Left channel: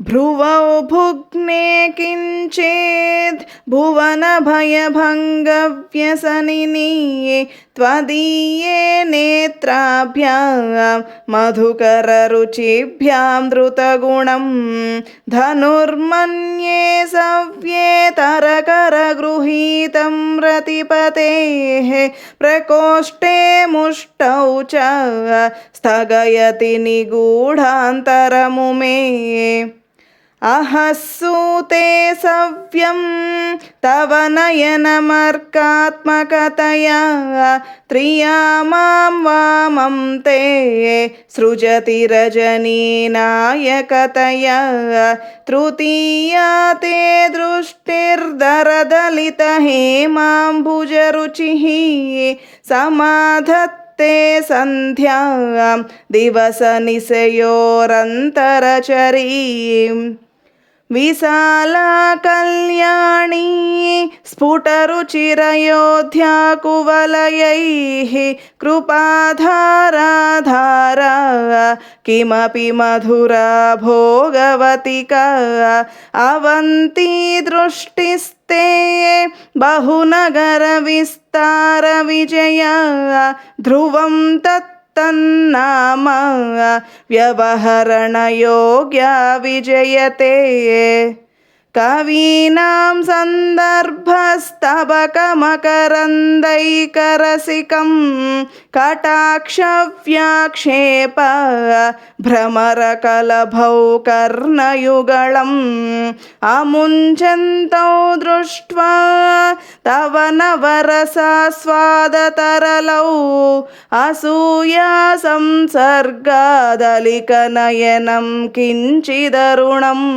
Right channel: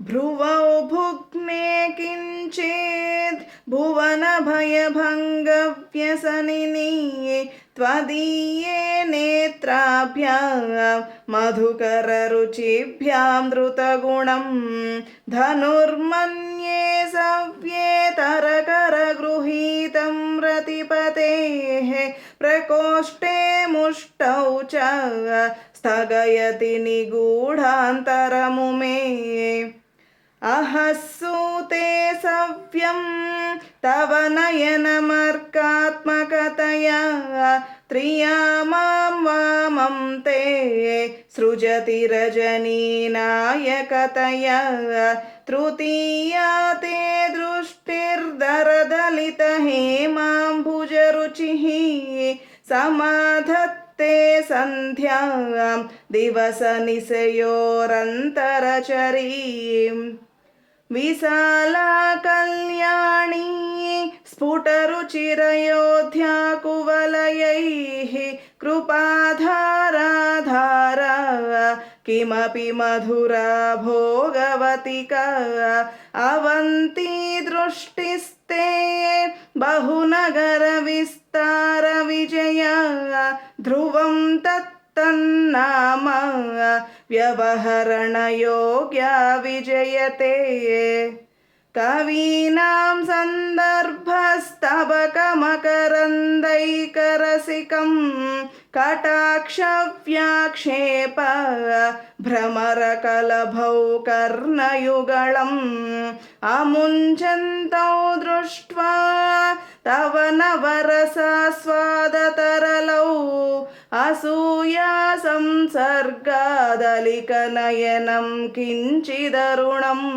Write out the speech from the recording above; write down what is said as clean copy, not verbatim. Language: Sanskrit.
भ्रुवौ भुग्ने किञ्चेद् भुवनभयभङ्गव्यसनिनी त्वदीये नेत्राभ्यां मधुकररुचिभ्यां धृतगुणं धनुर्मन्ये सव्येतरकरगृहीतं रतिपतेः प्रकोष्ठे मुष्टौ च स्थगयति निगूढान्तरमुमे अहस्सूते सव्यं तव नयनमर्कात्मकतया त्रिया मां वामं ते सृजति रजनीनायकतया तृतीया ते दृष्टिर्दरदलितहेमाम्बुजरुचिः समाधत्ते सन्ध्यां दिवसनिशयोरन्तरचरीम् विशाला कल्याणी स्फुटरुचिरयोध्याकुवलयैः कृपाधारा किमपि मधुरा भोगवतिका अवन्ती दृष्टिस्ते बहुनगरविस्तारविजया ध्रुवं तन्नाम व्यवहरणयोग्या विजयते कवीनां सन्दर्भस्तबकमकरन्दैकरसिकं कटाक्षव्याक्षेप भ्रमरकलभौ कर्णयुगळम् अमुञ्चन्तौ दृष्ट्वा तव नवरसास्वादतरलौ असूया संसर्गादलिकनयनं किञ्चिदरुणम्